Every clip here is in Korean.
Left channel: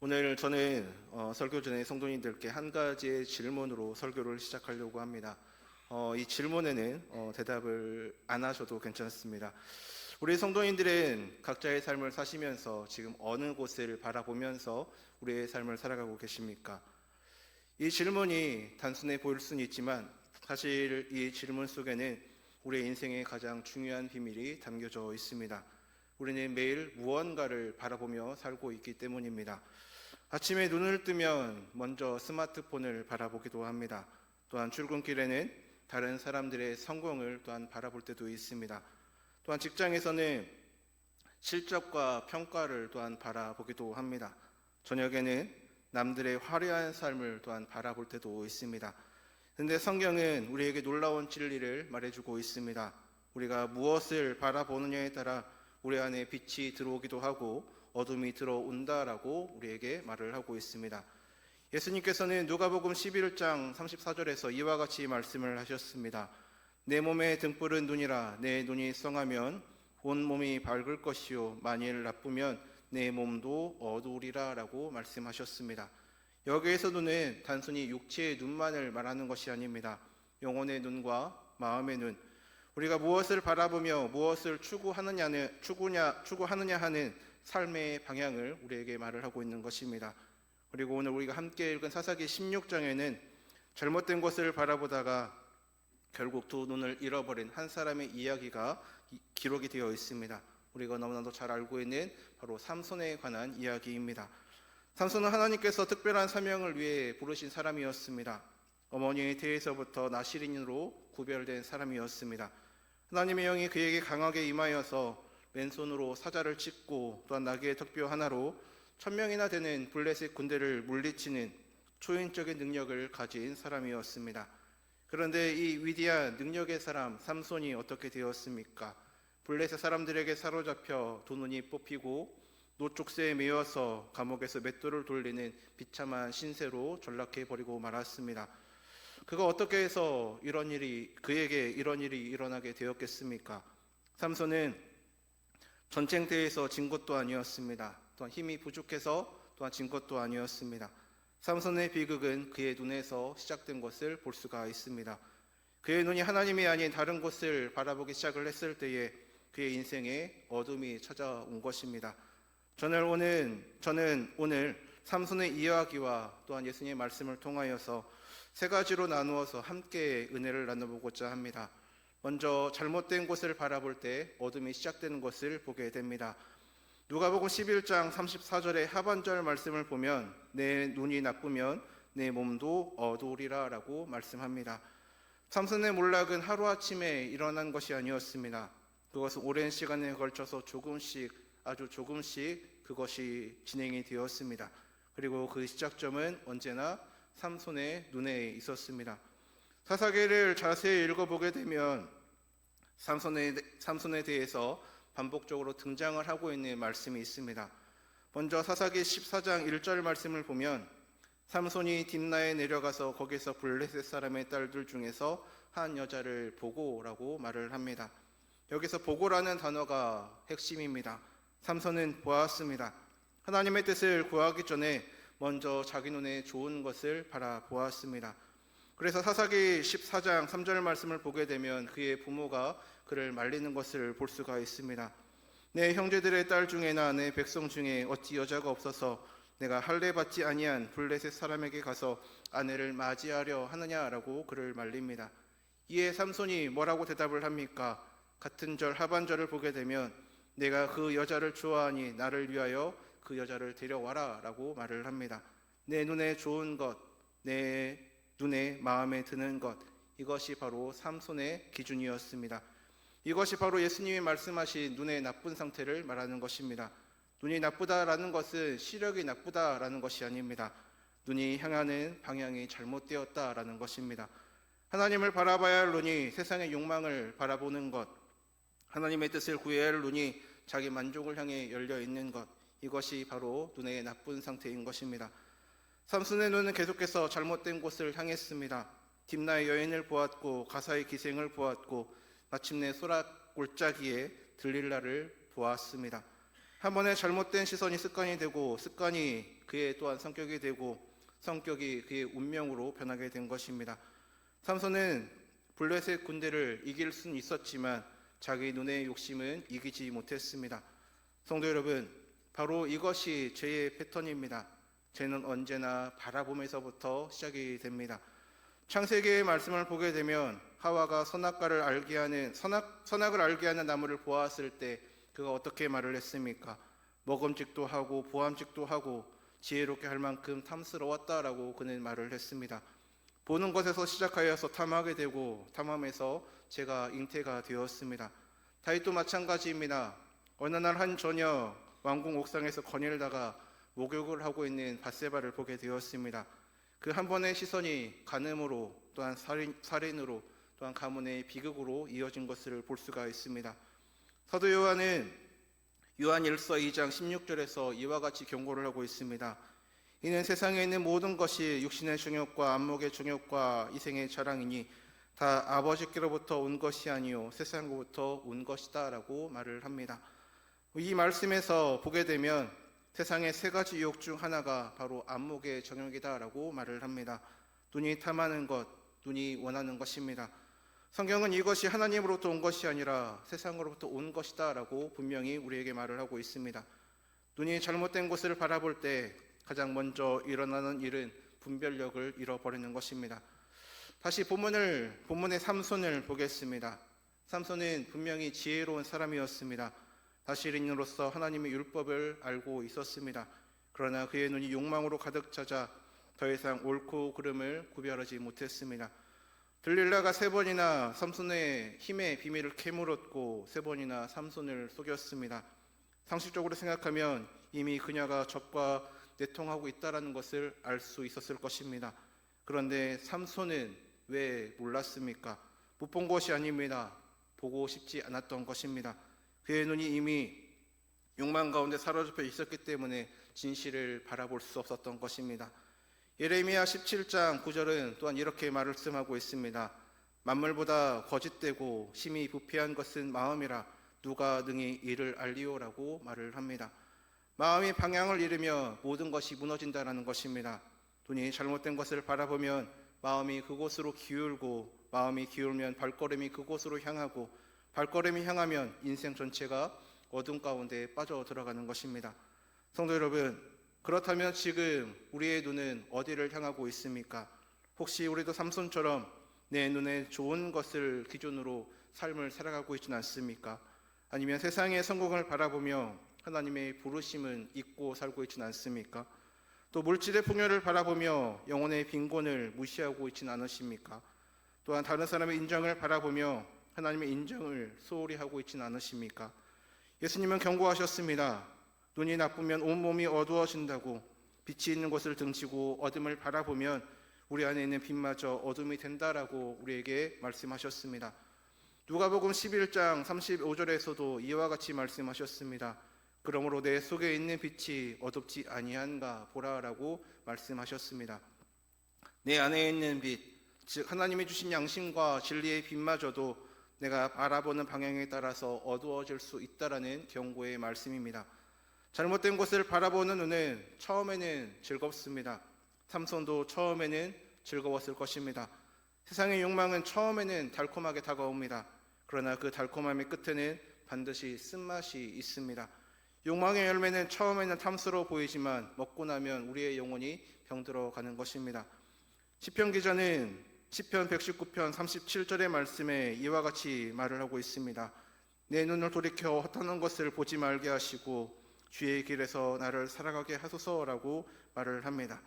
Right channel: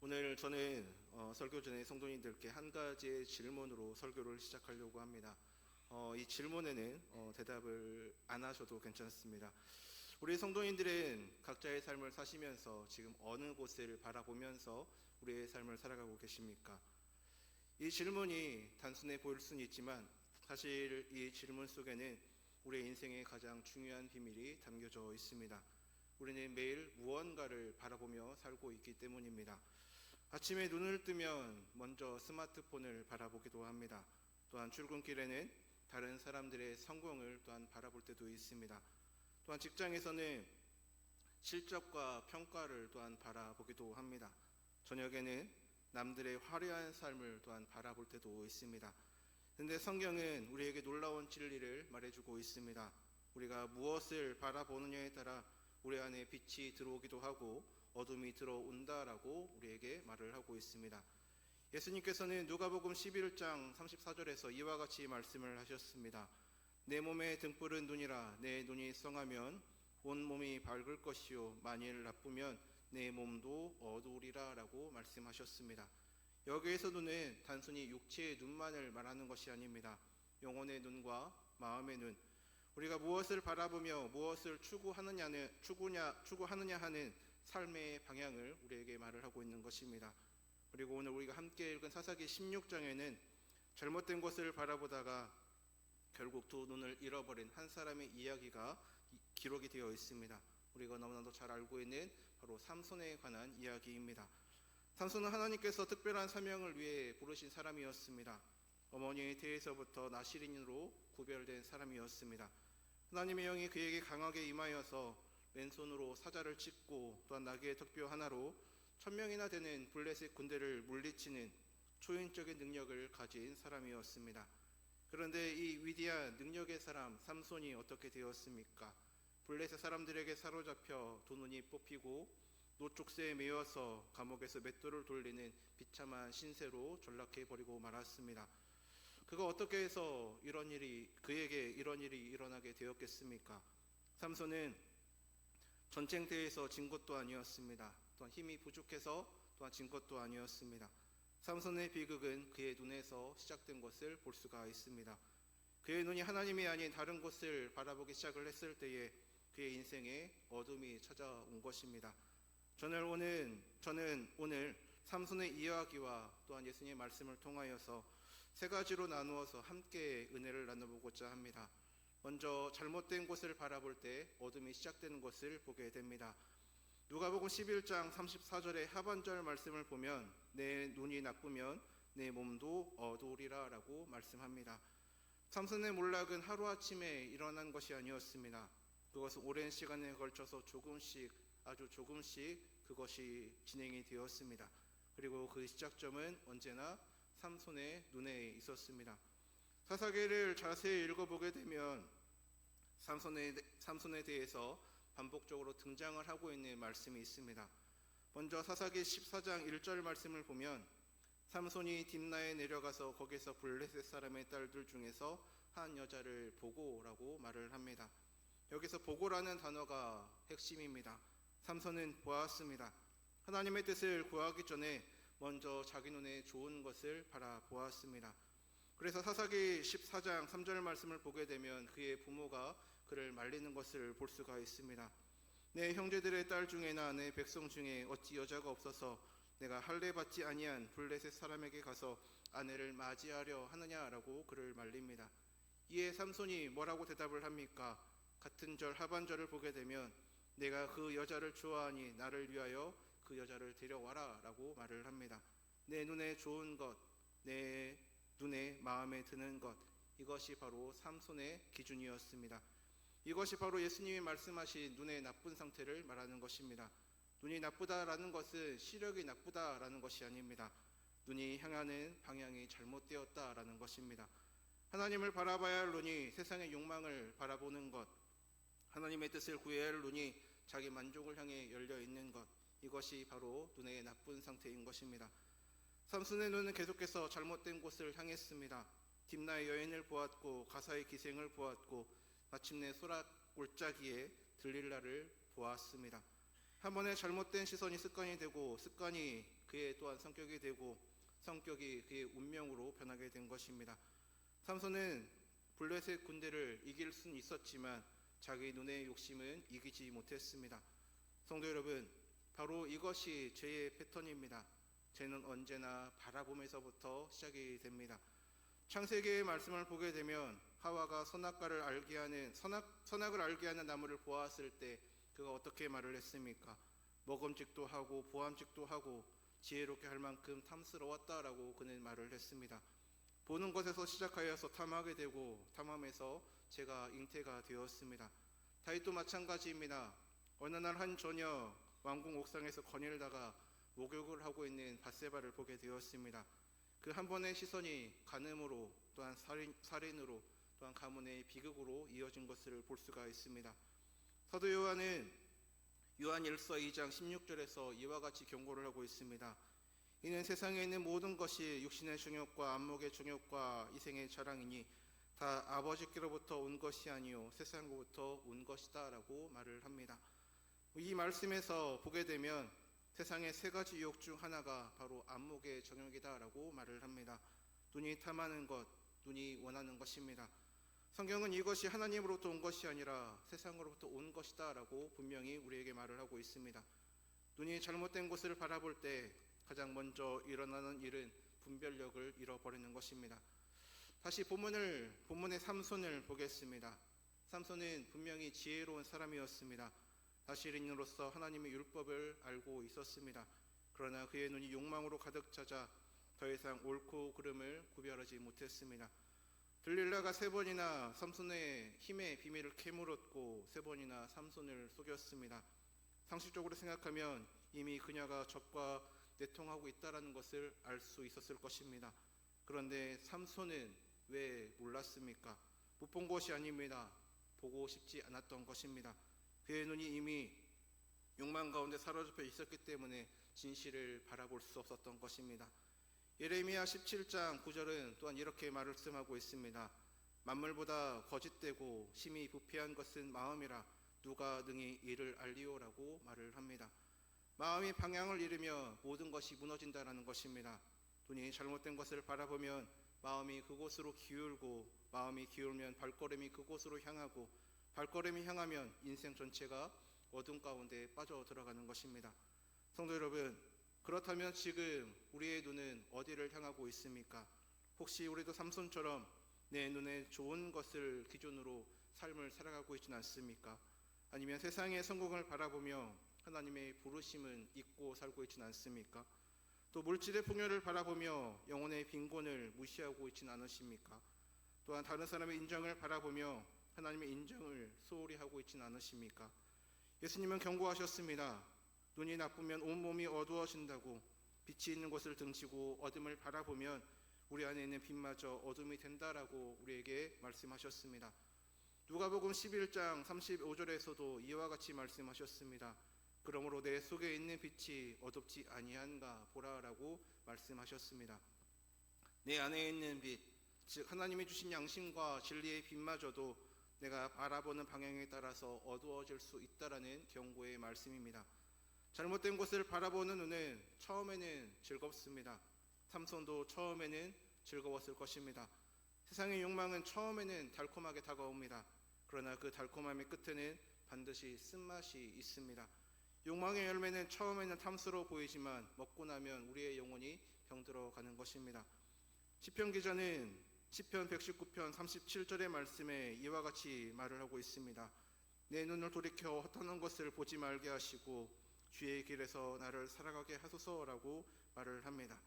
오늘 저는 설교 전에 성도님들께 한 가지의 질문으로 설교를 시작하려고 합니다. 이 질문에는 대답을 안 하셔도 괜찮습니다. 우리 성도님들은 각자의 삶을 사시면서 지금 어느 곳을 바라보면서 우리의 삶을 살아가고 계십니까? 이 질문이 단순해 보일 수는 있지만 사실 이 질문 속에는 우리의 인생의 가장 중요한 비밀이 담겨져 있습니다. 우리는 매일 무언가를 바라보며 살고 있기 때문입니다. 아침에 눈을 뜨면 먼저 스마트폰을 바라보기도 합니다. 또한 출근길에는 다른 사람들의 성공을 또한 바라볼 때도 있습니다. 또한 직장에서는 실적과 평가를 또한 바라보기도 합니다. 저녁에는 남들의 화려한 삶을 또한 바라볼 때도 있습니다. 그런데 성경은 우리에게 놀라운 진리를 말해주고 있습니다. 우리가 무엇을 바라보느냐에 따라 우리 안에 빛이 들어오기도 하고 어둠이 들어온다라고 우리에게 말을 하고 있습니다. 예수님께서는 누가복음 11장 34절에서 이와 같이 말씀을 하셨습니다. 내 몸의 등불은 눈이라. 내 눈이 성하면 온 몸이 밝을 것이요 만일 나쁘면 내 몸도 어두우리라 라고 말씀하셨습니다. 여기에서 눈은 단순히 육체의 눈만을 말하는 것이 아닙니다. 영혼의 눈과 마음의 눈, 우리가 무엇을 바라보며 무엇을 추구하느냐 하는 삶의 방향을 우리에게 말을 하고 있는 것입니다. 그리고 오늘 우리가 함께 읽은 사사기 16장에는 잘못된 것을 바라보다가 결국 두 눈을 잃어버린 한 사람의 이야기가 기록이 되어 있습니다. 우리가 너무나도 잘 알고 있는 바로 삼손에 관한 이야기입니다. 삼손은 하나님께서 특별한 사명을 위해 부르신 사람이었습니다. 어머니의 태에서부터 나실인으로 구별된 사람이었습니다. 하나님의 영이 그에게 강하게 임하여서 맨손으로 사자를 찢고 또한 나귀의 턱뼈 하나로 1000명이나 되는 블레셋 군대를 물리치는 초인적인 능력을 가진 사람이었습니다. 그런데 이 위대한 능력의 사람 삼손이 어떻게 되었습니까? 블레셋 사람들에게 사로잡혀 두 눈이 뽑히고 노쪽새에 매여서 감옥에서 맷돌을 돌리는 비참한 신세로 전락해버리고 말았습니다. 그가 어떻게 해서 그에게 이런 일이 일어나게 되었겠습니까? 삼손은 전쟁터에서 진 것도 아니었습니다. 또한 힘이 부족해서 또한 진 것도 아니었습니다. 삼손의 비극은 그의 눈에서 시작된 것을 볼 수가 있습니다. 그의 눈이 하나님이 아닌 다른 곳을 바라보기 시작을 했을 때에 그의 인생에 어둠이 찾아온 것입니다. 저는 오늘 삼손의 이야기와 또한 예수님의 말씀을 통하여서 세 가지로 나누어서 함께 은혜를 나눠보고자 합니다. 먼저 잘못된 곳을 바라볼 때 어둠이 시작되는 것을 보게 됩니다. 누가복음 11장 34절의 하반절 말씀을 보면 내 눈이 나쁘면 내 몸도 어두우리라 라고 말씀합니다. 삼손의 몰락은 하루아침에 일어난 것이 아니었습니다. 그것은 오랜 시간에 걸쳐서 아주 조금씩 그것이 진행이 되었습니다. 그리고 그 시작점은 언제나 삼손의 눈에 있었습니다. 사사기를 자세히 읽어보게 되면 삼손에 대해서 반복적으로 등장을 하고 있는 말씀이 있습니다. 먼저 사사기 14장 1절 말씀을 보면 삼손이 딥나에 내려가서 거기서 블레셋 사람의 딸들 중에서 한 여자를 보고라고 말을 합니다. 여기서 보고라는 단어가 핵심입니다. 삼손은 보았습니다. 하나님의 뜻을 구하기 전에 먼저 자기 눈에 좋은 것을 바라보았습니다. 그래서 사사기 14장 3절 말씀을 보게 되면 그의 부모가 그를 말리는 것을 볼 수가 있습니다. 내 형제들의 딸 중에나 내 백성 중에 어찌 여자가 없어서 내가 할례 받지 아니한 블레셋 사람에게 가서 아내를 맞이하려 하느냐라고 그를 말립니다. 이에 삼손이 뭐라고 대답을 합니까? 같은 절 하반절을 보게 되면 내가 그 여자를 좋아하니 나를 위하여 그 여자를 데려와라 라고 말을 합니다. 내 눈에 좋은 것, 내 눈에 마음에 드는 것, 이것이 바로 삼손의 기준이었습니다. 이것이 바로 예수님이 말씀하신 눈의 나쁜 상태를 말하는 것입니다. 눈이 나쁘다라는 것은 시력이 나쁘다라는 것이 아닙니다. 눈이 향하는 방향이 잘못되었다라는 것입니다. 하나님을 바라봐야 할 눈이 세상의 욕망을 바라보는 것, 하나님의 뜻을 구해야 할 눈이 자기 만족을 향해 열려 있는 것, 이것이 바로 눈의 나쁜 상태인 것입니다. 삼손의 눈은 계속해서 잘못된 곳을 향했습니다. 딥나의 여인을 보았고 가사의 기생을 보았고 마침내 소라 골짜기에 들릴라를 보았습니다. 한 번에 잘못된 시선이 습관이 되고 습관이 그의 또한 성격이 되고 성격이 그의 운명으로 변하게 된 것입니다. 삼손은 블레셋 군대를 이길 수는 있었지만 자기 눈의 욕심은 이기지 못했습니다. 성도 여러분, 바로 이것이 죄의 패턴입니다. 죄는 언제나 바라봄에서부터 시작이 됩니다. 창세기의 말씀을 보게 되면 하와가 선악을 알게 하는 나무를 보았을 때 그가 어떻게 말을 했습니까? 먹음직도 하고 보암직도 하고 지혜롭게 할 만큼 탐스러웠다라고 그는 말을 했습니다. 보는 것에서 시작하여서 탐하게 되고 탐함에서 제가 잉태가 되었습니다. 다윗도 마찬가지입니다. 어느 날 한 저녁 왕궁 옥상에서 거닐다가 목욕을 하고 있는 밧세바를 보게 되었습니다. 그 한 번의 시선이 간음으로 또한 살인으로 또한 가문의 비극으로 이어진 것을 볼 수가 있습니다. 사도 요한은 요한 1서 2장 16절에서 이와 같이 경고를 하고 있습니다. 이는 세상에 있는 모든 것이 육신의 정욕과 안목의 정욕과 이생의 자랑이니 다 아버지께로부터 온 것이 아니요 세상으로부터 온 것이다 라고 말을 합니다. 이 말씀에서 보게 되면 세상의 세 가지 유혹 중 하나가 바로 안목의 정욕이다 라고 말을 합니다. 눈이 탐하는 것, 눈이 원하는 것입니다. 성경은 이것이 하나님으로부터 온 것이 아니라 세상으로부터 온 것이다 라고 분명히 우리에게 말을 하고 있습니다. 눈이 잘못된 곳을 바라볼 때 가장 먼저 일어나는 일은 분별력을 잃어버리는 것입니다. 다시 본문의 삼손을 보겠습니다. 삼손은 분명히 지혜로운 사람이었습니다. 다스린으로서 하나님의 율법을 알고 있었습니다. 그러나 그의 눈이 욕망으로 가득 차자 더 이상 옳고 그름을 구별하지 못했습니다. 들릴라가 3번이나 삼손의 힘의 비밀을 캐물었고 3번이나 삼손을 속였습니다. 상식적으로 생각하면 이미 그녀가 적과 내통하고 있다는 것을 알 수 있었을 것입니다. 그런데 삼손은 왜 몰랐습니까? 못 본 것이 아닙니다. 보고 싶지 않았던 것입니다. 그의 눈이 이미 욕망 가운데 사로잡혀 있었기 때문에 진실을 바라볼 수 없었던 것입니다. 예레미야 17장 9절은 또한 이렇게 말씀하고 있습니다. 만물보다 거짓되고 심히 부패한 것은 마음이라 누가 능히 이를 알리오라고 말을 합니다. 마음이 방향을 잃으며 모든 것이 무너진다는 것입니다. 눈이 잘못된 것을 바라보면 마음이 그곳으로 기울고 마음이 기울면 발걸음이 그곳으로 향하고 발걸음이 향하면 인생 전체가 어둠 가운데 빠져 들어가는 것입니다. 성도 여러분, 그렇다면 지금 우리의 눈은 어디를 향하고 있습니까? 혹시 우리도 삼손처럼 내 눈에 좋은 것을 기준으로 삶을 살아가고 있지는 않습니까? 아니면 세상의 성공을 바라보며 하나님의 부르심은 잊고 살고 있지는 않습니까? 또 물질의 풍요를 바라보며 영혼의 빈곤을 무시하고 있지는 않으십니까? 또한 다른 사람의 인정을 바라보며 하나님의 인정을 소홀히 하고 있지는 않으십니까? 예수님은 경고하셨습니다. 눈이 나쁘면 온몸이 어두워진다고. 빛이 있는 곳을 등지고 어둠을 바라보면 우리 안에 있는 빛마저 어둠이 된다라고 우리에게 말씀하셨습니다. 누가복음 11장 35절에서도 이와 같이 말씀하셨습니다. 그러므로 내 속에 있는 빛이 어둡지 아니한가 보라라고 말씀하셨습니다. 내 안에 있는 빛, 즉 하나님이 주신 양심과 진리의 빛마저도 내가 바라보는 방향에 따라서 어두워질 수 있다라는 경고의 말씀입니다. 잘못된 곳을 바라보는 눈은 처음에는 즐겁습니다. 삼손도 처음에는 즐거웠을 것입니다. 세상의 욕망은 처음에는 달콤하게 다가옵니다. 그러나 그 달콤함의 끝에는 반드시 쓴맛이 있습니다. 욕망의 열매는 처음에는 탐스러워 보이지만 먹고 나면 우리의 영혼이 병들어가는 것입니다. 시편 기자는 시편 119편 37절의 말씀에 이와 같이 말을 하고 있습니다. 내 눈을 돌이켜 헛하는 것을 보지 말게 하시고 주의 길에서 나를 살아가게 하소서라고 말을 합니다.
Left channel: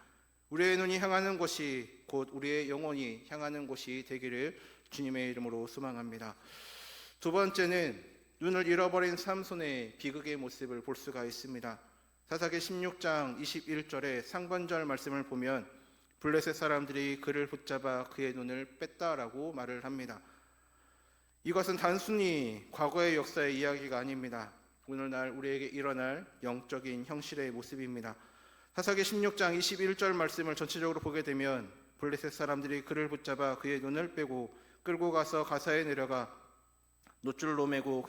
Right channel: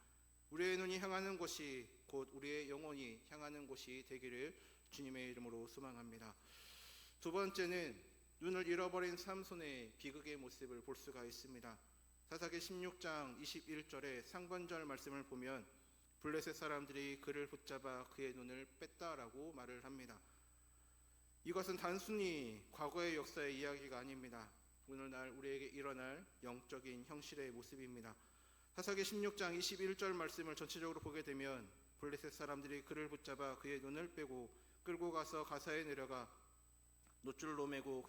우리의 눈이 향하는 곳이 곧 우리의 영혼이 향하는 곳이 되기를 주님의 이름으로 소망합니다. 두 번째는 눈을 잃어버린 삼손의 비극의 모습을 볼 수가 있습니다. 사사기 16장 21절의 상반절 말씀을 보면 블레셋 사람들이 그를 붙잡아 그의 눈을 뺐다라고 말을 합니다. 이것은 단순히 과거의 역사의 이야기가 아닙니다. 오늘날 우리에게 일어날 영적인 형실의 모습입니다. 사사기 16장 21절 말씀을 전체적으로 보게 되면 블레셋 사람들이 그를 붙잡아 그의 눈을 빼고 끌고 가서 가사에 내려가 노줄로 매고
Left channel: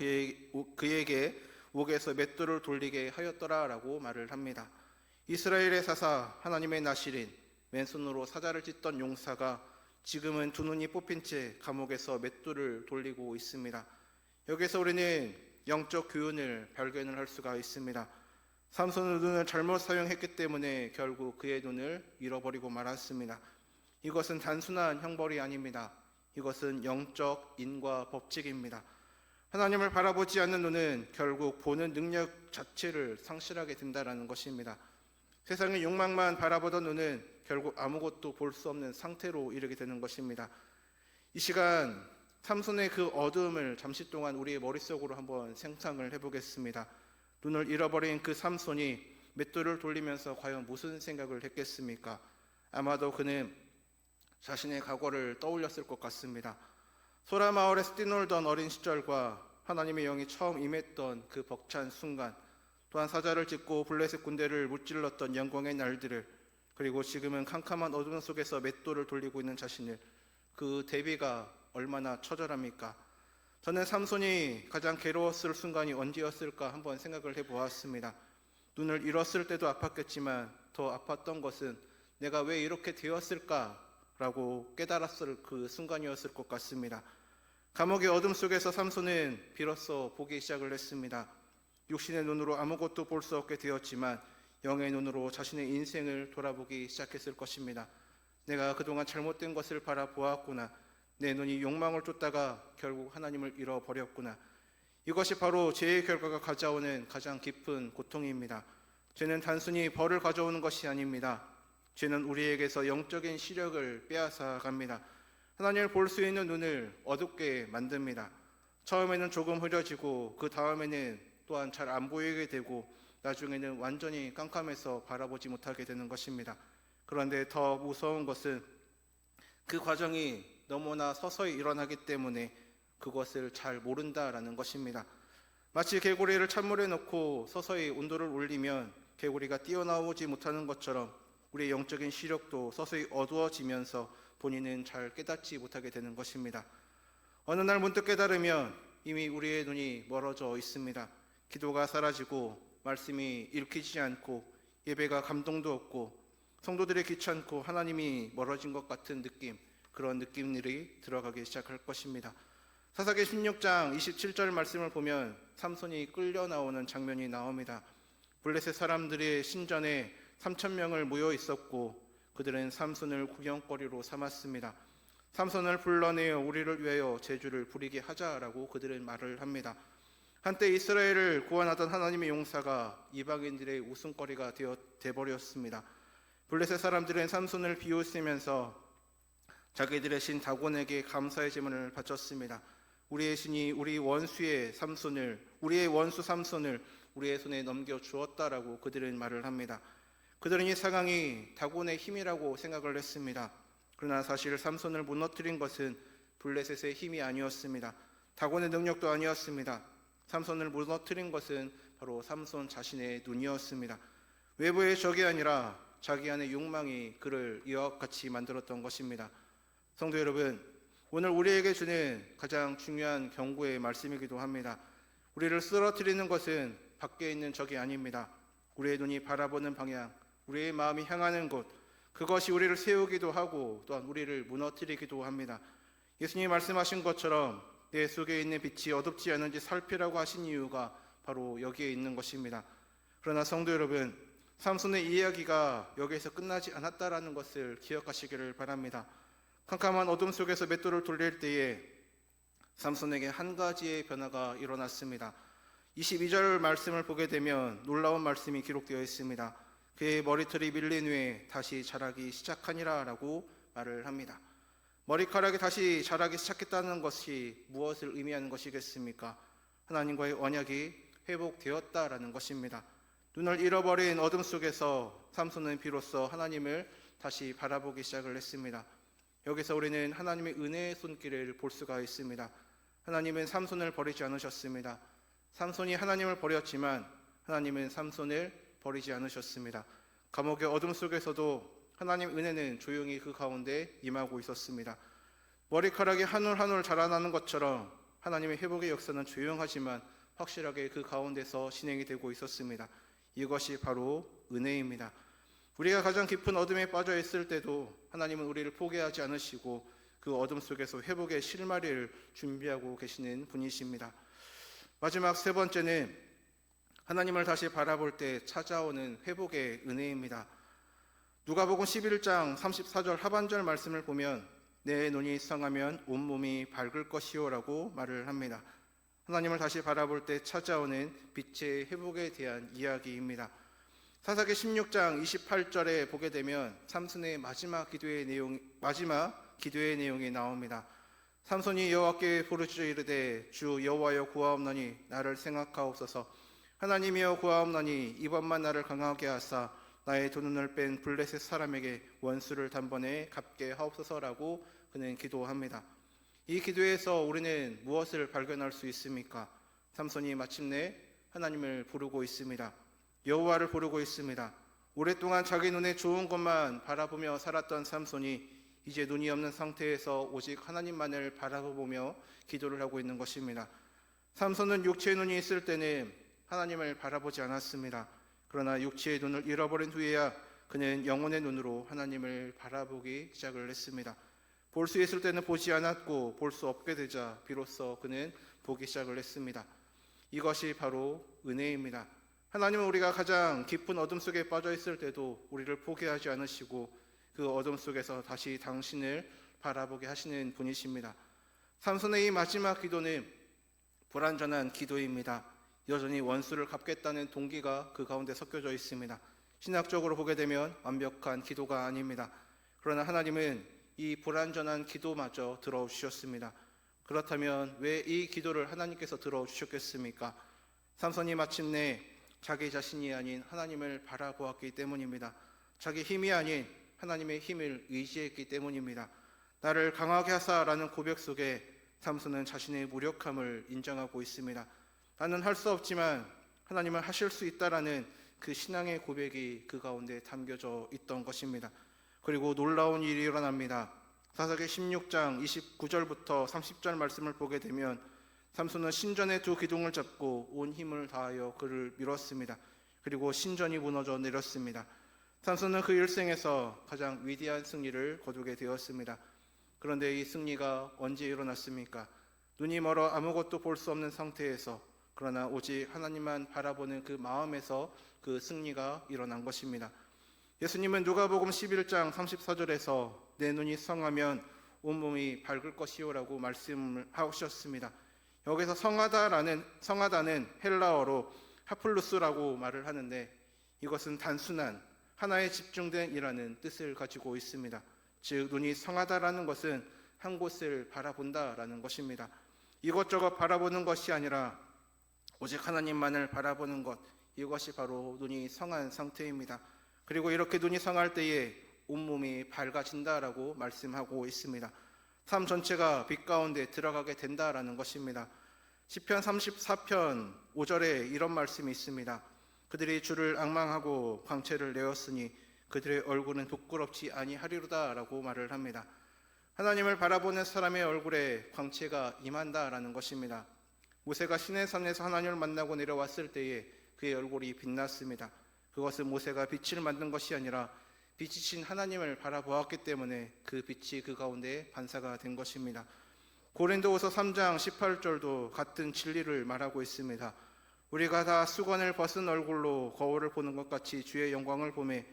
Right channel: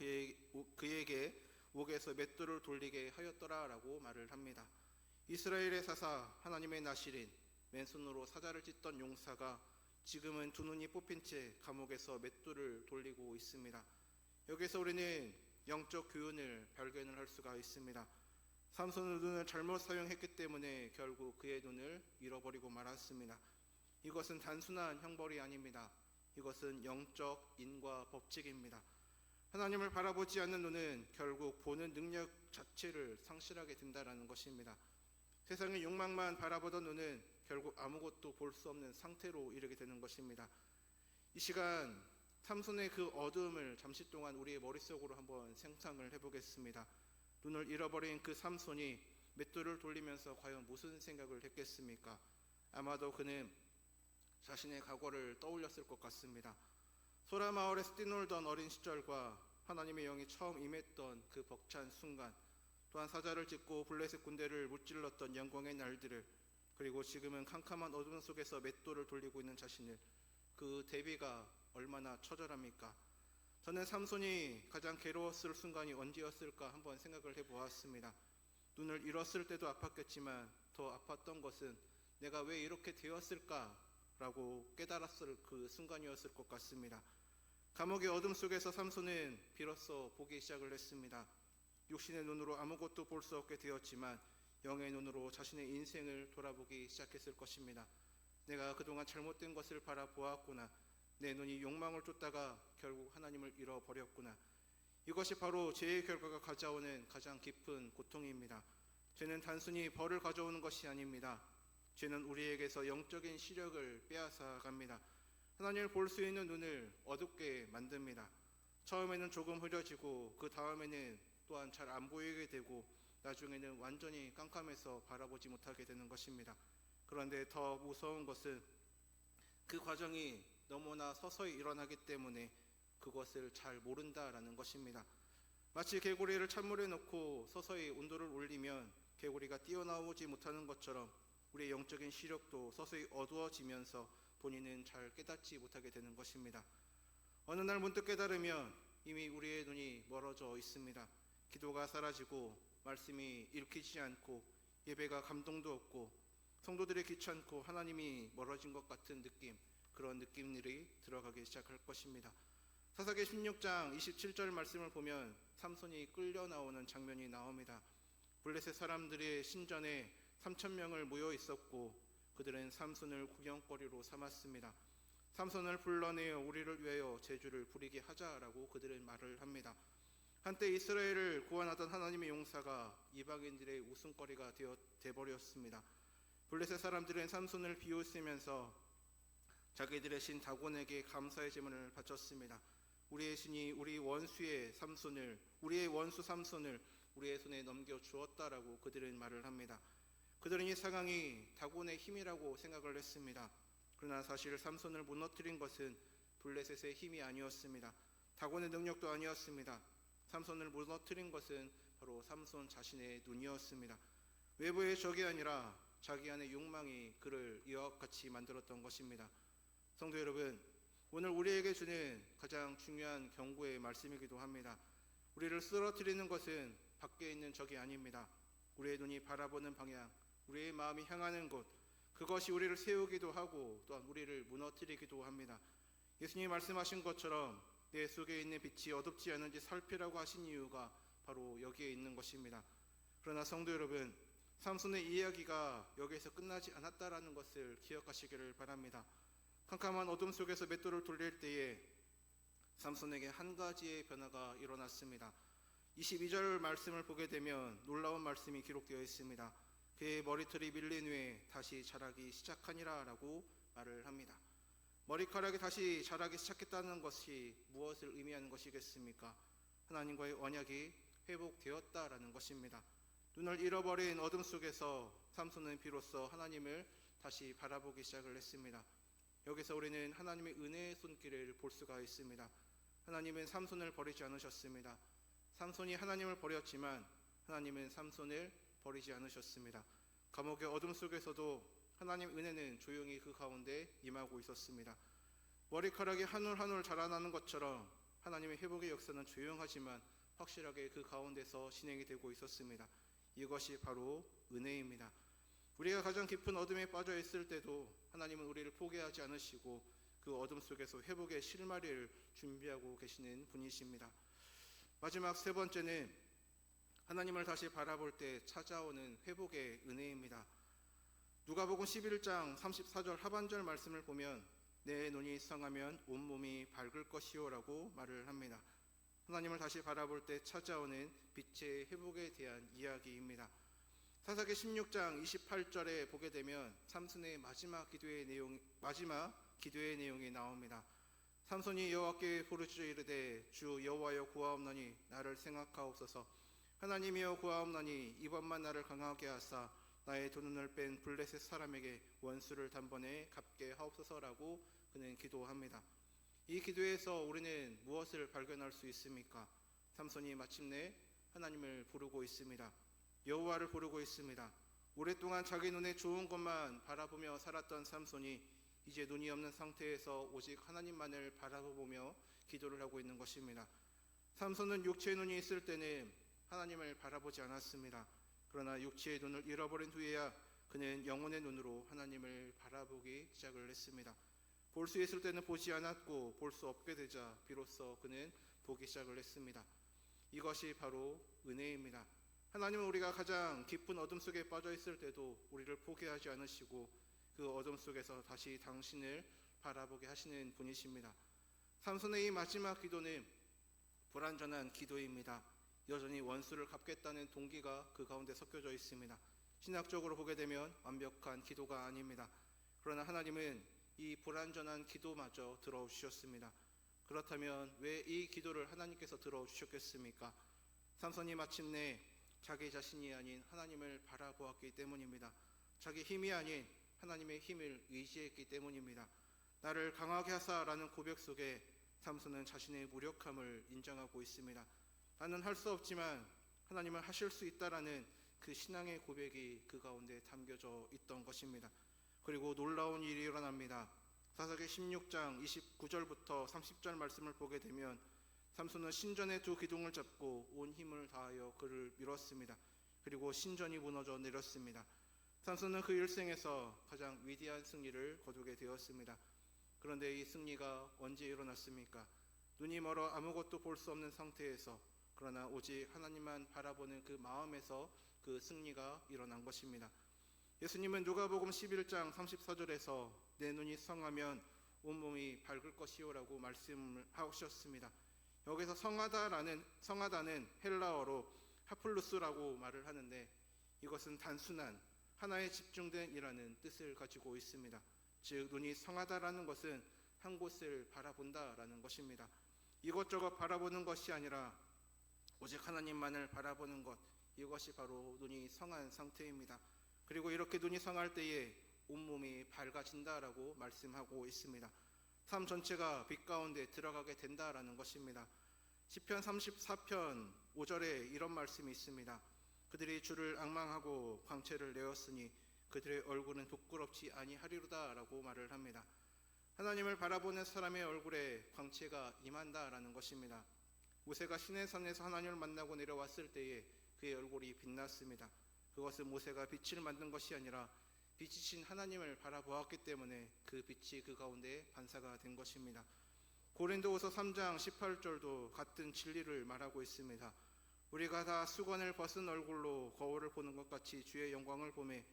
그에게 옥에서 맷돌을 돌리게 하였더라라고 말을 합니다. 이스라엘의 사사 하나님의 나실인 맨손으로 사자를 찢던 용사가 지금은 두 눈이 뽑힌 채 감옥에서 맷돌을 돌리고 있습니다. 여기서 우리는 영적 교훈을 발견을 할 수가 있습니다. 삼손은 눈을 잘못 사용했기 때문에 결국 그의 눈을 잃어버리고 말았습니다. 이것은 단순한 형벌이 아닙니다. 이것은 영적 인과 법칙입니다. 하나님을 바라보지 않는 눈은 결국 보는 능력 자체를 상실하게 된다는 것입니다. 세상의 욕망만 바라보던 눈은 결국 아무것도 볼 수 없는 상태로 이르게 되는 것입니다. 이 시간 삼손의 그 어두움을 잠시 동안 우리의 머릿속으로 한번 생각을 해보겠습니다. 눈을 잃어버린 그 삼손이 맷돌을 돌리면서 과연 무슨 생각을 했겠습니까? 아마도 그는 자신의 과거를 떠올렸을 것 같습니다. 소라 마을에서 뛰놀던 어린 시절과 하나님의 영이 처음 임했던 그 벅찬 순간, 또한 사자를 찢고 블레셋 군대를 무찔렀던 영광의 날들을, 그리고 지금은 캄캄한 어둠 속에서 맷돌을 돌리고 있는 자신을, 그 대비가 얼마나 처절합니까? 저는 삼손이 가장 괴로웠을 순간이 언제였을까 한번 생각을 해보았습니다. 눈을 잃었을 때도 아팠겠지만 더 아팠던 것은 내가 왜 이렇게 되었을까라고 깨달았을 그 순간이었을 것 같습니다. 감옥의 어둠 속에서 삼손은 비로소 보기 시작을 했습니다. 육신의 눈으로 아무것도 볼 수 없게 되었지만 영의 눈으로 자신의 인생을 돌아보기 시작했을 것입니다. 내가 그동안 잘못된 것을 바라보았구나. 내 눈이 욕망을 쫓다가 결국 하나님을 잃어버렸구나. 이것이 바로 죄의 결과가 가져오는 가장 깊은 고통입니다. 죄는 단순히 벌을 가져오는 것이 아닙니다. 죄는 우리에게서 영적인 시력을 빼앗아갑니다. 하나님을 볼 수 있는 눈을 어둡게 만듭니다. 처음에는 조금 흐려지고 그 다음에는 또한 잘 안 보이게 되고 나중에는 완전히 깜깜해서 바라보지 못하게 되는 것입니다. 그런데 더 무서운 것은 그 과정이 너무나 서서히 일어나기 때문에 그것을 잘 모른다라는 것입니다. 마치 개구리를 찬물에 넣고 서서히 온도를 올리면 개구리가 뛰어나오지 못하는 것처럼 우리의 영적인 시력도 서서히 어두워지면서 본인은 잘 깨닫지 못하게 되는 것입니다. 어느 날 문득 깨달으면 이미 우리의 눈이 멀어져 있습니다. 기도가 사라지고 말씀이 읽히지 않고 예배가 감동도 없고 성도들이 귀찮고 하나님이 멀어진 것 같은 느낌, 그런 느낌들이 들어가기 시작할 것입니다. 사사기 16장 27절 말씀을 보면 삼손이 끌려 나오는 장면이 나옵니다. 블레셋 사람들의 신전에 3,000명을 모여 있었고 그들은 삼손을 구경거리로 삼았습니다. 삼손을 불러내어 우리를 위하여 제주를 부리게 하자라고 그들은 말을 합니다. 한때 이스라엘을 구원하던 하나님의 용사가 이방인들의 웃음거리가 되어버렸습니다. 블레셋 사람들은 삼손을 비웃으면서 자기들의 신 다곤에게 감사의 제문을 바쳤습니다. 우리의 신이 우리의 원수 삼손을 우리의 손에 넘겨주었다라고 그들은 말을 합니다. 그들은 이 상황이 다곤의 힘이라고 생각을 했습니다. 그러나 사실 삼손을 무너뜨린 것은 블레셋의 힘이 아니었습니다. 다곤의 능력도 아니었습니다. 삼손을 무너뜨린 것은 바로 삼손 자신의 눈이었습니다. 외부의 적이 아니라 자기 안의 욕망이 그를 이와 같이 만들었던 것입니다. 성도 여러분, 오늘 우리에게 주는 가장 중요한 경고의 말씀이기도 합니다. 우리를 쓰러뜨리는 것은 밖에 있는 적이 아닙니다. 우리의 눈이 바라보는 방향, 우리의 마음이 향하는 곳, 그것이 우리를 세우기도 하고 또한 우리를 무너뜨리기도 합니다. 예수님이 말씀하신 것처럼 내 속에 있는 빛이 어둡지 않은지 살피라고 하신 이유가 바로 여기에 있는 것입니다. 그러나 성도 여러분, 삼손의 이야기가 여기에서 끝나지 않았다라는 것을 기억하시기를 바랍니다. 캄캄한 어둠 속에서 맷돌을 돌릴 때에 삼손에게 한 가지의 변화가 일어났습니다. 22절 말씀을 보게 되면 놀라운 말씀이 기록되어 있습니다. 그의 머리털이 밀린 후에 다시 자라기 시작하니라 라고 말을 합니다. 머리카락이 다시 자라기 시작했다는 것이 무엇을 의미하는 것이겠습니까? 하나님과의 언약이 회복되었다라는 것입니다. 눈을 잃어버린 어둠 속에서 삼손은 비로소 하나님을 다시 바라보기 시작을 했습니다. 여기서 우리는 하나님의 은혜의 손길을 볼 수가 있습니다. 하나님은 삼손을 버리지 않으셨습니다. 삼손이 하나님을 버렸지만 하나님은 삼손을 버리지 않으셨습니다. 감옥의 어둠 속에서도 하나님의 은혜는 조용히 그 가운데 임하고 있었습니다. 머리카락이 한 올 한 올 자라나는 것처럼 하나님의 회복의 역사는 조용하지만 확실하게 그 가운데서 진행이 되고 있었습니다. 이것이 바로 은혜입니다. 우리가 가장 깊은 어둠에 빠져 있을 때도 하나님은 우리를 포기하지 않으시고 그 어둠 속에서 회복의 실마리를 준비하고 계시는 분이십니다. 마지막 세 번째는 하나님을 다시 바라볼 때 찾아오는 회복의 은혜입니다. 누가복음 11장 34절 하반절 말씀을 보면 내 눈이 성하면 온몸이 밝을 것이요라고 말을 합니다. 하나님을 다시 바라볼 때 찾아오는 빛의 회복에 대한 이야기입니다. 사사기 16장 28절에 보게 되면 삼손의 마지막 기도의 내용이 나옵니다. 삼손이 여호와께 부르짖어 이르되 주 여호와여 구하옵나니 나를 생각하옵소서. 하나님이여 구하옵나니 이번만 나를 강하게 하사 나의 두 눈을 뺀 블레셋 사람에게 원수를 단번에 갚게 하옵소서라고 그는 기도합니다. 이 기도에서 우리는 무엇을 발견할 수 있습니까? 삼손이 마침내 하나님을 부르고 있습니다. 여호와를 부르고 있습니다. 오랫동안 자기 눈에 좋은 것만 바라보며 살았던 삼손이 이제 눈이 없는 상태에서 오직 하나님만을 바라보며 기도를 하고 있는 것입니다. 삼손은 육체의 눈이 있을 때는 하나님을 바라보지 않았습니다. 그러나 육체의 눈을 잃어버린 후에야 그는 영혼의 눈으로 하나님을 바라보기 시작을 했습니다. 볼 수 있을 때는 보지 않았고 볼 수 없게 되자 비로소 그는 보기 시작을 했습니다. 이것이 바로 은혜입니다. 하나님은 우리가 가장 깊은 어둠 속에 빠져 있을 때도 우리를 포기하지 않으시고 그 어둠 속에서 다시 당신을 바라보게 하시는 분이십니다. 삼손의 이 마지막 기도는 불완전한 기도입니다. 여전히 원수를 갚겠다는 동기가 그 가운데 섞여져 있습니다. 신학적으로 보게 되면 완벽한 기도가 아닙니다. 그러나 하나님은 이 불완전한 기도마저 들어주셨습니다. 그렇다면 왜 이 기도를 하나님께서 들어주셨겠습니까? 삼손이 마침내 자기 자신이 아닌 하나님을 바라보았기 때문입니다. 자기 힘이 아닌 하나님의 힘을 의지했기 때문입니다. 나를 강하게 하사라는 고백 속에 삼손은 자신의 무력함을 인정하고 있습니다. 나는 할 수 없지만 하나님은 하실 수 있다라는 그 신앙의 고백이 그 가운데 담겨져 있던 것입니다. 그리고 놀라운 일이 일어납니다. 사사기 16장 29절부터 30절 말씀을 보게 되면 삼손은 신전의 두 기둥을 잡고 온 힘을 다하여 그를 밀었습니다. 그리고 신전이 무너져 내렸습니다. 삼손은 그 일생에서 가장 위대한 승리를 거두게 되었습니다. 그런데 이 승리가 언제 일어났습니까? 눈이 멀어 아무것도 볼 수 없는 상태에서, 그러나 오직 하나님만 바라보는 그 마음에서 그 승리가 일어난 것입니다. 예수님은 누가복음 11장 34절에서 내 눈이 성하면 온몸이 밝을 것이요라고 말씀을 하셨습니다. 여기서 성하다는 헬라어로 하플루스라고 말을 하는데 이것은 단순한 하나에 집중된 이라는 뜻을 가지고 있습니다. 즉 눈이 성하다라는 것은 한 곳을 바라본다라는 것입니다. 이것저것 바라보는 것이 아니라 오직 하나님만을 바라보는 것, 이것이 바로 눈이 성한 상태입니다. 그리고 이렇게 눈이 성할 때에 온몸이 밝아진다라고 말씀하고 있습니다. 삶 전체가 빛 가운데 들어가게 된다라는 것입니다. 시편 34편 5절에 이런 말씀이 있습니다. 그들이 주를 앙망하고 광채를 내었으니 그들의 얼굴은 부끄럽지 아니하리로다라고 말을 합니다. 하나님을 바라보는 사람의 얼굴에 광채가 임한다라는 것입니다. 모세가 시내산에서 하나님을 만나고 내려왔을 때에 그의 얼굴이 빛났습니다. 그것은 모세가 빛을 만든 것이 아니라 빛이신 하나님을 바라보았기 때문에 그 빛이 그 가운데 반사가 된 것입니다. 고린도후서 3장 18절도 같은 진리를 말하고 있습니다. 우리가 다 수건을 벗은 얼굴로 거울을 보는 것 같이 주의 영광을 보매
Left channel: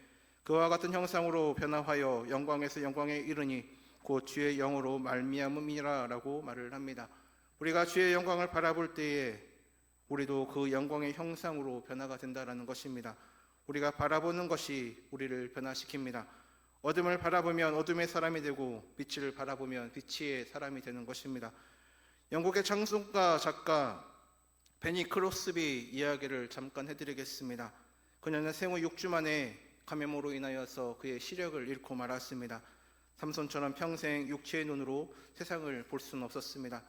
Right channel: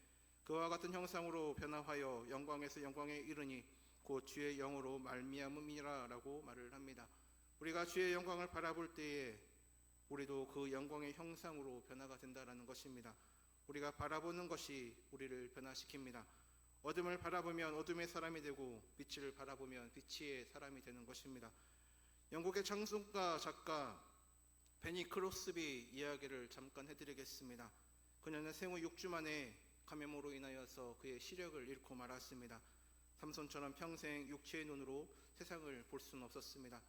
그와 같은 형상으로 변화하여 영광에서 영광에 이르니 곧 주의 영으로 말미암음이라라고 말을 합니다. 우리가 주의 영광을 바라볼 때에 우리도 그 영광의 형상으로 변화가 된다라는 것입니다. 우리가 바라보는 것이 우리를 변화시킵니다. 어둠을 바라보면 어둠의 사람이 되고 빛을 바라보면 빛의 사람이 되는 것입니다. 영국의 창송가 작가 베니 크로스비 이야기를 잠깐 해드리겠습니다. 그녀는 생후 6주 만에 감염으로 인하여서 그의 시력을 잃고 말았습니다. 삼손처럼 평생 육체의 눈으로 세상을 볼 수는 없었습니다.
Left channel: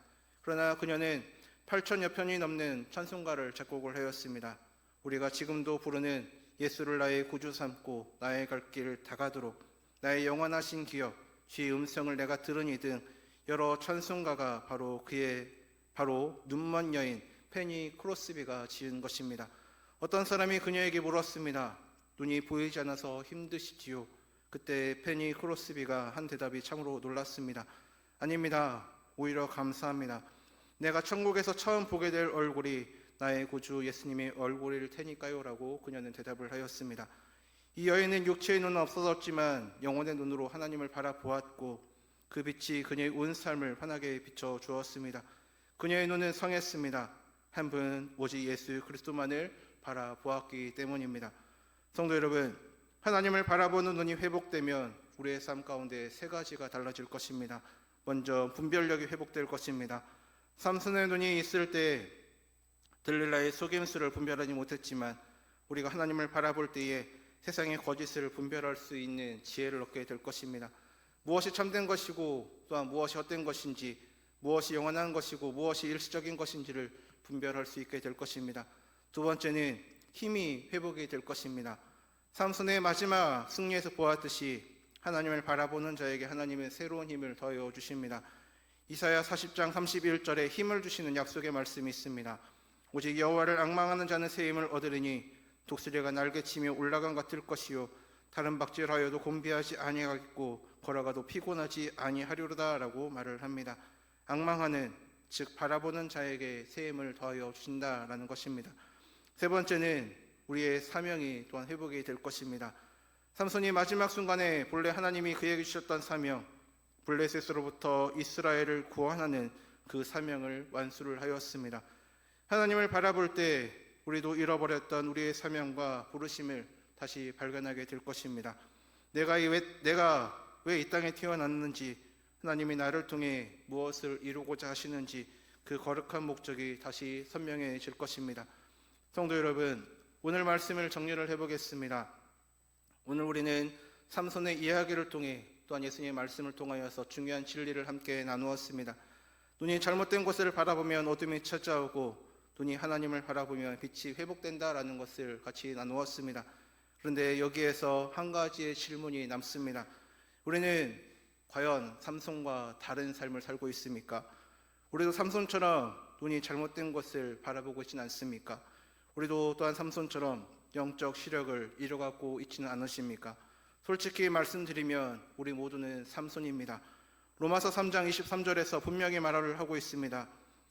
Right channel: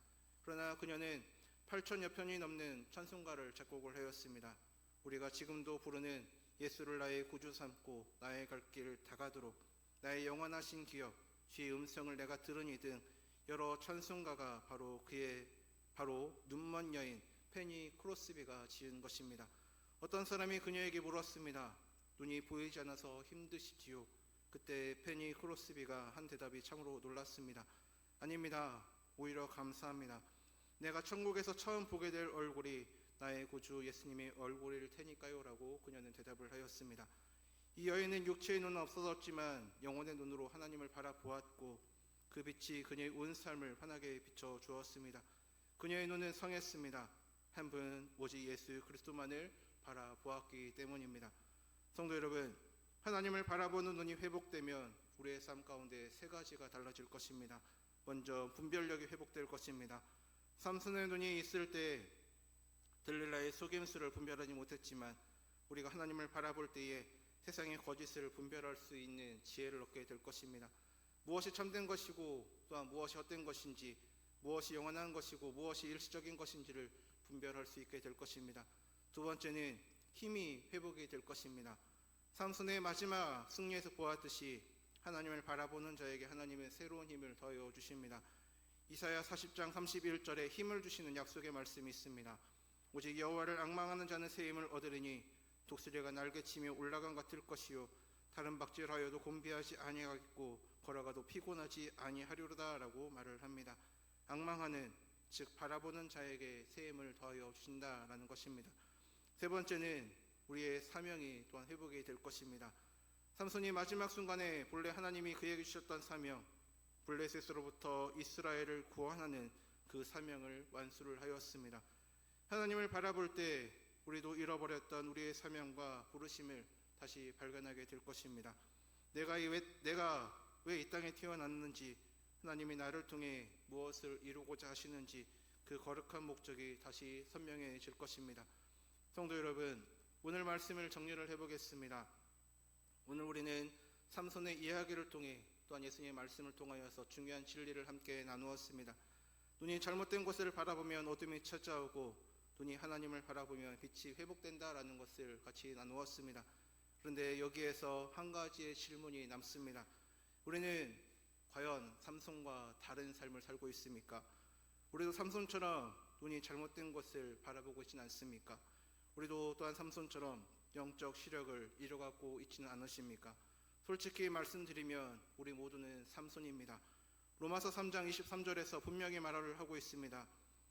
그러나 그녀는 8천여 편이 넘는 찬송가를 작곡을 하였습니다. 우리가 지금도 부르는 예수를 나의 구주 삼고 나의 갈 길을 다가도록 나의 영원하신 기억 주의 음성을 내가 들으니 등 여러 찬송가가 바로 눈먼 여인 페니 크로스비가 지은 것입니다. 어떤 사람이 그녀에게 물었습니다. 눈이 보이지 않아서 힘드시지요? 그때 페니 크로스비가 한 대답이 참으로 놀랐습니다. 아닙니다. 오히려 감사합니다. 내가 천국에서 처음 보게 될 얼굴이 나의 구주 예수님의 얼굴일 테니까요 라고 그녀는 대답을 하였습니다. 이 여인은 육체의 눈은 없어졌지만 영혼의 눈으로 하나님을 바라보았고 그 빛이 그녀의 온 삶을 환하게 비춰 주었습니다. 그녀의 눈은 성했습니다. 한 분 오직 예수 그리스도만을 바라보았기 때문입니다. 성도 여러분, 하나님을 바라보는 눈이 회복되면 우리의 삶 가운데 세 가지가 달라질 것입니다. 먼저 분별력이 회복될 것입니다. 삼손의 눈이 있을 때 들릴라의 속임수를 분별하지 못했지만 우리가 하나님을 바라볼 때에 세상의 거짓을 분별할 수 있는 지혜를 얻게 될 것입니다. 무엇이 참된 것이고 또한 무엇이 헛된 것인지, 무엇이 영원한 것이고 무엇이 일시적인 것인지를 분별할 수 있게 될 것입니다. 두 번째는 힘이 회복이 될 것입니다. 삼손의 마지막 승리에서 보았듯이 하나님을 바라보는 자에게 하나님은 새로운 힘을 더하여 주십니다. 이사야 40장 31절에 힘을 주시는 약속의 말씀이 있습니다. 오직 여호와를 앙망하는 자는 새 힘을 얻으리니 독수리가 날개치며 올라간 같을 것이요 다른 박질하여도 곤비하지 아니하겠고 걸어가도 피곤하지 아니하리로다 라고 말을 합니다. 앙망하는, 즉 바라보는 자에게 새 힘을 더하여 주신다라는 것입니다. 세 번째는 우리의 사명이 또한 회복이 될 것입니다. 삼손이 마지막 순간에 본래 하나님이 그에게 주셨던 사명, 블레셋으로부터 이스라엘을 구원하는 그 사명을 완수를 하였습니다. 하나님을 바라볼 때 우리도 잃어버렸던 우리의 사명과 부르심을 다시 발견하게 될 것입니다. 내가 왜 이 땅에 태어났는지, 하나님이 나를 통해 무엇을 이루고자 하시는지 그 거룩한 목적이 다시 선명해질 것입니다. 성도 여러분, 오늘 말씀을 정리를 해보겠습니다. 오늘 우리는 삼손의 이야기를 통해 또한 예수님의 말씀을 통하여서 중요한 진리를 함께 나누었습니다. 눈이 잘못된 곳을 바라보면 어둠이 찾아오고 눈이 하나님을 바라보면 빛이 회복된다라는 것을 같이 나누었습니다. 그런데 여기에서 한 가지의 질문이 남습니다. 우리는 과연 삼손과 다른 삶을 살고 있습니까? 우리도 삼손처럼 눈이 잘못된 것을 바라보고 있지는 않습니까? 우리도 또한 삼손처럼 영적 시력을 잃어가고 있지는 않으십니까? 솔직히 말씀드리면 우리 모두는 삼손입니다. 로마서 3장 23절에서 분명히 말을 하고 있습니다.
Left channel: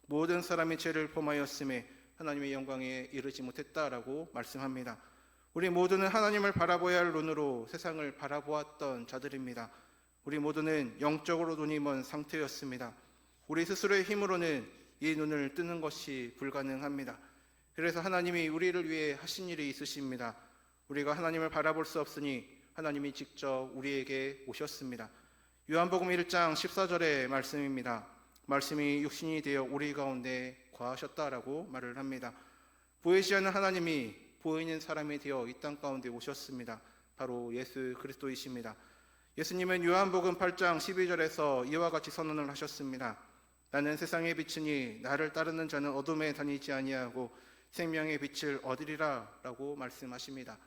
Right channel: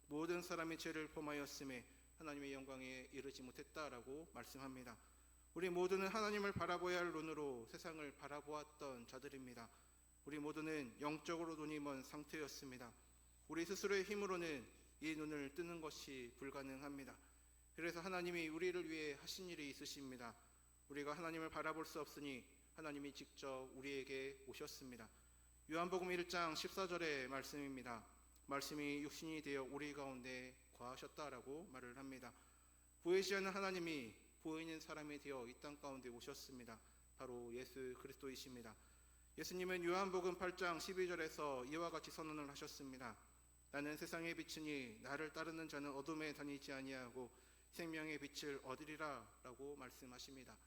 모든 사람이 죄를 범하였음에 하나님의 영광에 이르지 못했다라고 말씀합니다. 우리 모두는 하나님을 바라보아야 할 눈으로 세상을 바라보았던 자들입니다. 우리 모두는 영적으로 눈이 먼 상태였습니다. 우리 스스로의 힘으로는 이 눈을 뜨는 것이 불가능합니다. 그래서 하나님이 우리를 위해 하신 일이 있으십니다. 우리가 하나님을 바라볼 수 없으니 하나님이 직접 우리에게 오셨습니다. 요한복음 1장 14절의 말씀입니다. 말씀이 육신이 되어 우리 가운데 거하셨다라고 말을 합니다. 보이지 않는 하나님이 보이는 사람이 되어 이 땅 가운데 오셨습니다. 바로 예수 그리스도이십니다. 예수님은 요한복음 8장 12절에서 이와 같이 선언을 하셨습니다. 나는 세상의 빛이니 나를 따르는 자는 어둠에 다니지 아니하고 생명의 빛을 얻으리라 라고 말씀하십니다.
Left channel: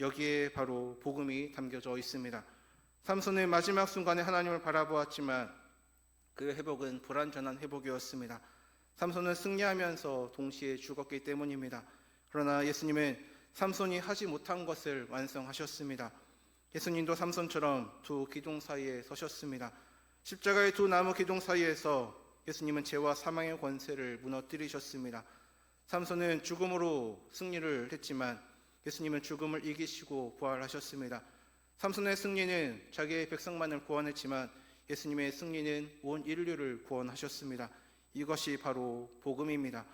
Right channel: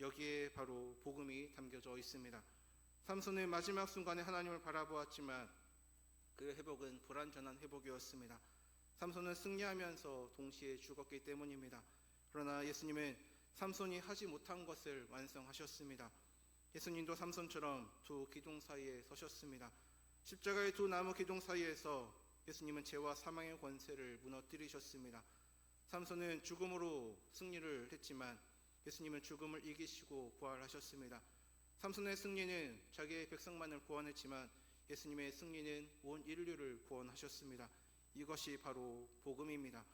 여기에 바로 복음이 담겨져 있습니다. 삼손의 마지막 순간에 하나님을 바라보았지만 그 회복은 불완전한 회복이었습니다. 삼손은 승리하면서 동시에 죽었기 때문입니다. 그러나 예수님은 삼손이 하지 못한 것을 완성하셨습니다. 예수님도 삼손처럼 두 기둥 사이에 서셨습니다. 십자가의 두 나무 기둥 사이에서 예수님은 죄와 사망의 권세를 무너뜨리셨습니다. 삼손은 죽음으로 승리를 했지만 예수님은 죽음을 이기시고 부활하셨습니다. 삼손의 승리는 자기의 백성만을 구원했지만 예수님의 승리는 온 인류를 구원하셨습니다. 이것이 바로 복음입니다.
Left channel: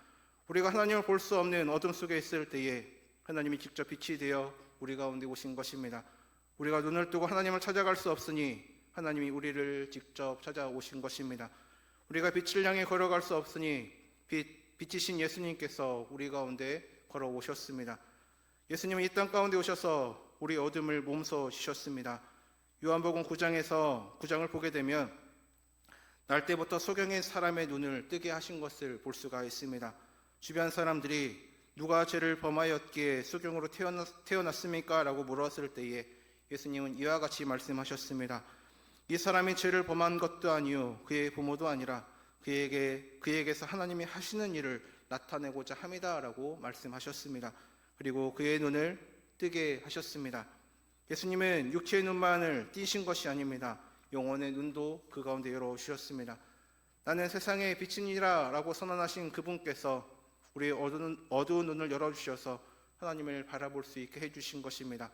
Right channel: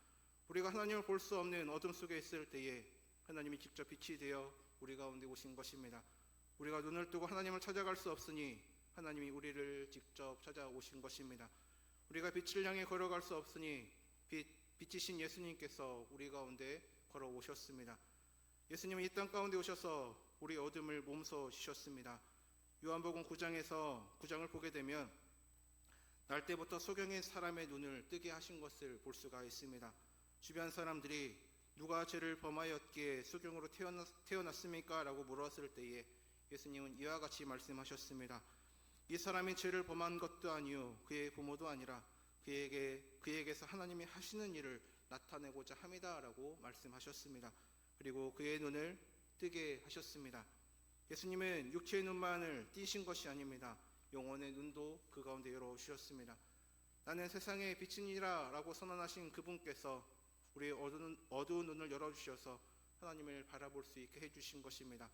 우리가 하나님을 볼 수 없는 어둠 속에 있을 때에 하나님이 직접 빛이 되어 우리 가운데 오신 것입니다. 우리가 눈을 뜨고 하나님을 찾아갈 수 없으니 하나님이 우리를 직접 찾아오신 것입니다. 우리가 빛을 향해 걸어갈 수 없으니 빛이신 예수님께서 우리 가운데 걸어오셨습니다. 예수님은 이 땅 가운데 오셔서 우리 어둠을 몸서시셨습니다. 요한복음 9장을 보게 되면 날 때부터 소경의 사람의 눈을 뜨게 하신 것을 볼 수가 있습니다. 주변 사람들이 누가 죄를 범하였기에 소경으로 태어났습니까? 라고 물었을 때에 예수님은 이와 같이 말씀하셨습니다. 이 사람이 죄를 범한 것도 아니요 그의 부모도 아니라 그에게서 하나님이 하시는 일을 나타내고자 함이다 라고 말씀하셨습니다. 그리고 그의 눈을 뜨게 하셨습니다. 예수님은 육체의 눈만을 띄신 것이 아닙니다. 영혼의 눈도 그 가운데 열어주셨습니다. 나는 세상의 빛이니라 라고 선언하신 그분께서 우리의 어두운 눈을 열어주셔서 하나님을 바라볼 수 있게 해주신 것입니다.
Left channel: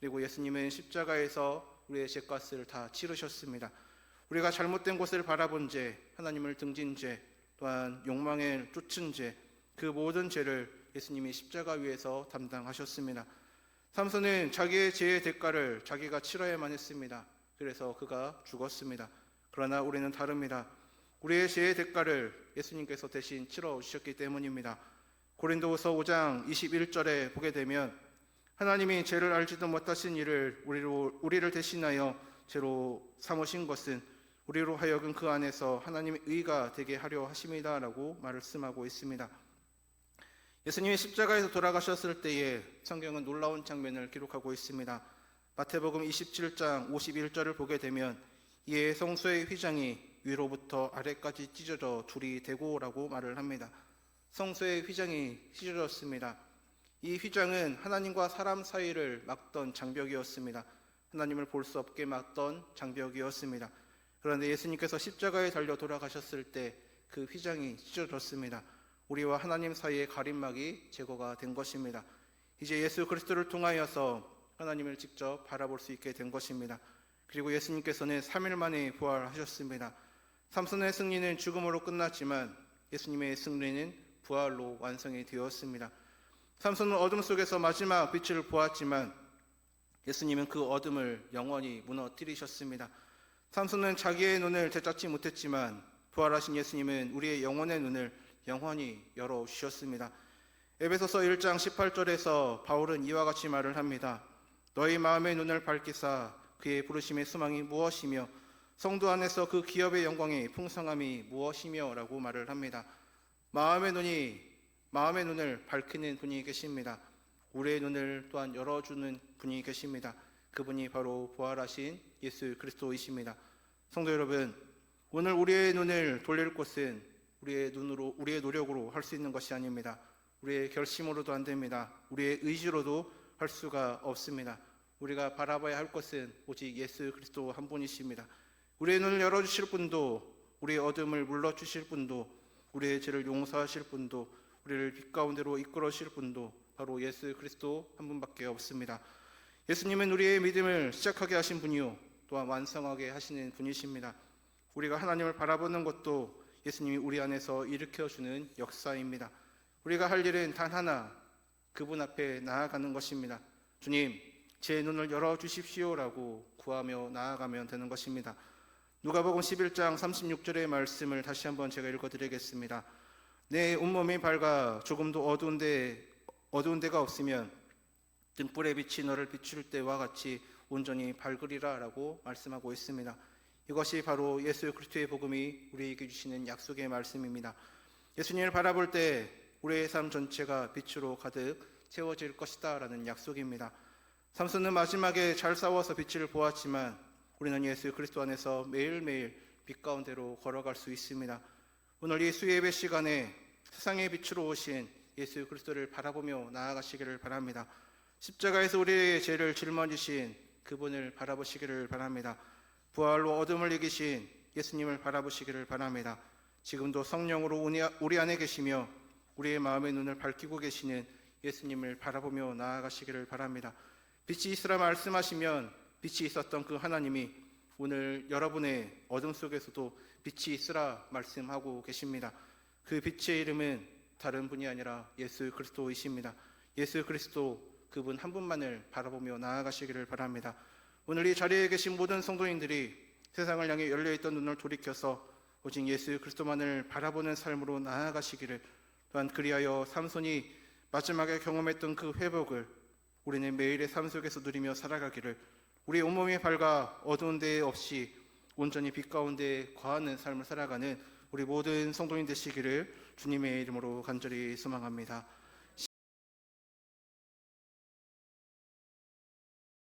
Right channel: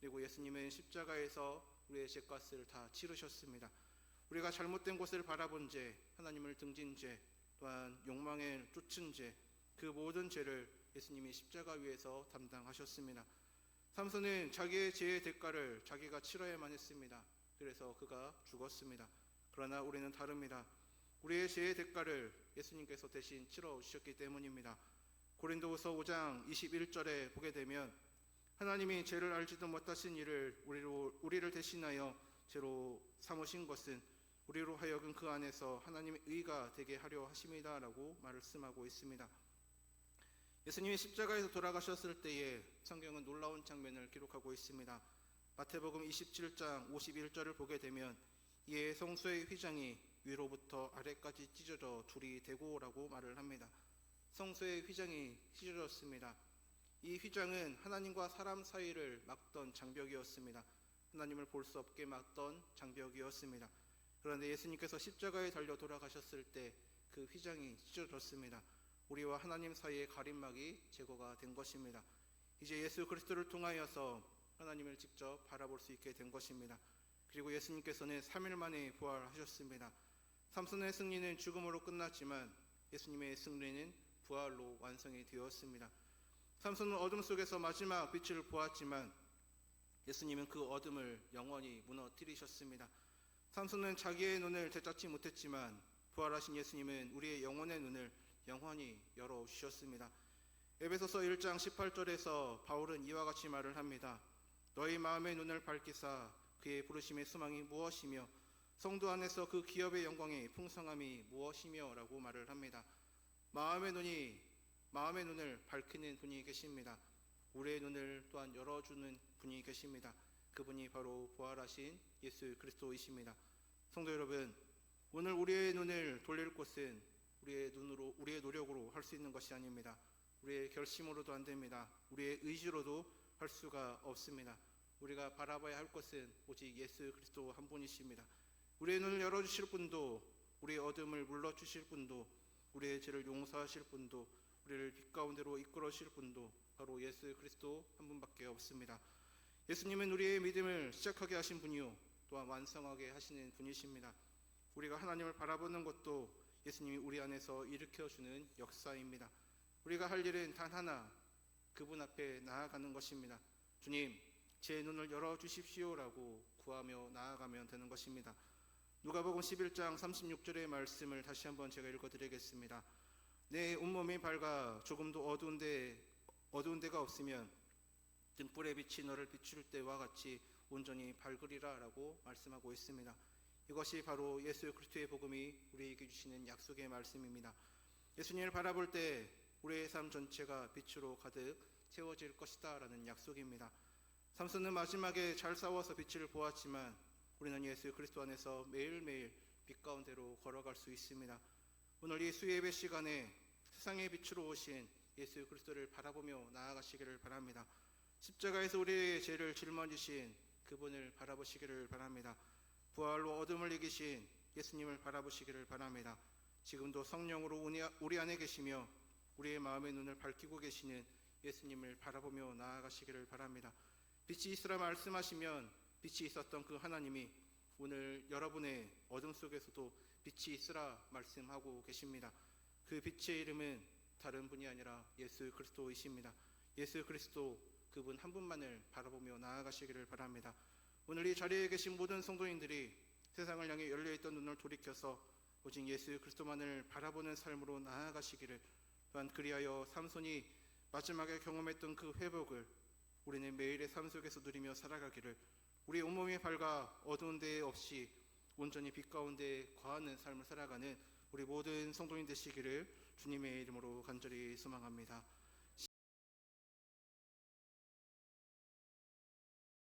그리고 예수님은 십자가에서 우리의 죄값을 다 치르셨습니다. 우리가 잘못된 곳을 바라본 죄, 하나님을 등진 죄, 또한 욕망에 쫓은 죄, 그 모든 죄를 예수님이 십자가 위에서 담당하셨습니다. 삼손은 자기의 죄의 대가를 자기가 치러야만 했습니다. 그래서 그가 죽었습니다. 그러나 우리는 다릅니다. 우리의 죄의 대가를 예수님께서 대신 치러주셨기 때문입니다. 고린도후서 5장 21절에 보게 되면 하나님이 죄를 알지도 못하신 이를 우리를 대신하여 죄로 삼으신 것은 우리로 하여금 그 안에서 하나님의 의가 되게 하려 하심이다 라고 말씀하고 있습니다. 예수님이 십자가에서 돌아가셨을 때에 성경은 놀라운 장면을 기록하고 있습니다. 마태복음 27장 51절을 보게 되면 이에 성소의 휘장이 위로부터 아래까지 찢어져 둘이 되고라고 말을 합니다. 성소의 휘장이 찢어졌습니다. 이 휘장은 하나님과 사람 사이를 막던 장벽이었습니다. 하나님을 볼 수 없게 막던 장벽이었습니다. 그런데 예수님께서 십자가에 달려 돌아가셨을 때 그 휘장이 찢어졌습니다. 우리와 하나님 사이의 가림막이 제거가 된 것입니다. 이제 예수 그리스도를 통하여서 하나님을 직접 바라볼 수 있게 된 것입니다. 그리고 예수님께서는 3일 만에 부활하셨습니다. 삼손의 승리는 죽음으로 끝났지만 예수님의 승리는 부활로 완성이 되었습니다. 삼손은 어둠 속에서 마지막 빛을 보았지만 예수님은 그 어둠을 영원히 무너뜨리셨습니다. 삼손은 자기의 눈을 되찾지 못했지만 부활하신 예수님은 우리의 영혼의 눈을 영원히 열어주셨습니다. 에베소서 1장 18절에서 바울은 이와 같이 말을 합니다. 너희 마음의 눈을 밝히사 그의 부르심의 소망이 무엇이며 성도 안에서 그 기업의 영광의 풍성함이 무엇이며 라고 말을 합니다. 마음의 눈을 밝히는 분이 계십니다. 우리의 눈을 또한 열어주는 분이 계십니다. 그분이 바로 부활하신 예수 그리스도이십니다. 성도 여러분, 오늘 우리의 눈을 돌릴 곳은 우리의 노력으로 할 수 있는 것이 아닙니다. 우리의 결심으로도 안 됩니다. 우리의 의지로도 할 수가 없습니다. 우리가 바라봐야 할 것은 오직 예수 그리스도 한 분이십니다. 우리의 눈을 열어주실 분도, 우리의 어둠을 물러주실 분도, 우리의 죄를 용서하실 분도, 우리를 빛 가운데로 이끌어주실 분도 바로 예수 그리스도 한 분밖에 없습니다. 예수님은 우리의 믿음을 시작하게 하신 분이요 또한 완성하게 하시는 분이십니다. 우리가 하나님을 바라보는 것도 예수님이 우리 안에서 일으켜주는 역사입니다. 우리가 할 일은 단 하나, 그분 앞에 나아가는 것입니다. 주님, 제 눈을 열어주십시오라고 구하며 나아가면 되는 것입니다. 누가복음 11장 36절의 말씀을 다시 한번 제가 읽어드리겠습니다. 내 온몸이 밝아 조금도 어두운 데가 없으면 등불의 빛이 너를 비출 때와 같이 온전히 밝으리라 라고 말씀하고 있습니다. 이것이 바로 예수 그리스도의 복음이 우리에게 주시는 약속의 말씀입니다. 예수님을 바라볼 때 우리의 삶 전체가 빛으로 가득 채워질 것이다 라는 약속입니다. 삼손은 마지막에 잘 싸워서 빛을 보았지만 우리는 예수 그리스도 안에서 매일매일 빛 가운데로 걸어갈 수 있습니다. 오늘 이 수예배 시간에 세상의 빛으로 오신 예수 그리스도를 바라보며 나아가시기를 바랍니다. 십자가에서 우리의 죄를 짊어지신 그분을 바라보시기를 바랍니다. 부활로 어둠을 이기신 예수님을 바라보시기를 바랍니다. 지금도 성령으로 우리 안에 계시며 우리의 마음의 눈을 밝히고 계시는 예수님을 바라보며 나아가시기를 바랍니다. 빛이 있으라 말씀하시면 빛이 있었던 그 하나님이 오늘 여러분의 어둠 속에서도 빛이 있으라 말씀하고 계십니다. 그 빛의 이름은 다른 분이 아니라 예수 그리스도이십니다. 예수 그리스도 그분 한 분만을 바라보며 나아가시기를 바랍니다. 오늘 이 자리에 계신 모든 성도인들이 세상을 향해 열려있던 눈을 돌이켜서 오직 예수 그리스도만을 바라보는 삶으로 나아가시기를, 또한 그리하여 삼손이 마지막에 경험했던 그 회복을 우리는 매일의 삶 속에서 누리며 살아가기를, 우리의 온몸이 밝아 어두운 데 없이 온전히 빛 가운데 거하는 삶을 살아가는 우리 모든 성도인 되시기를 주님의 이름으로 간절히 소망합니다.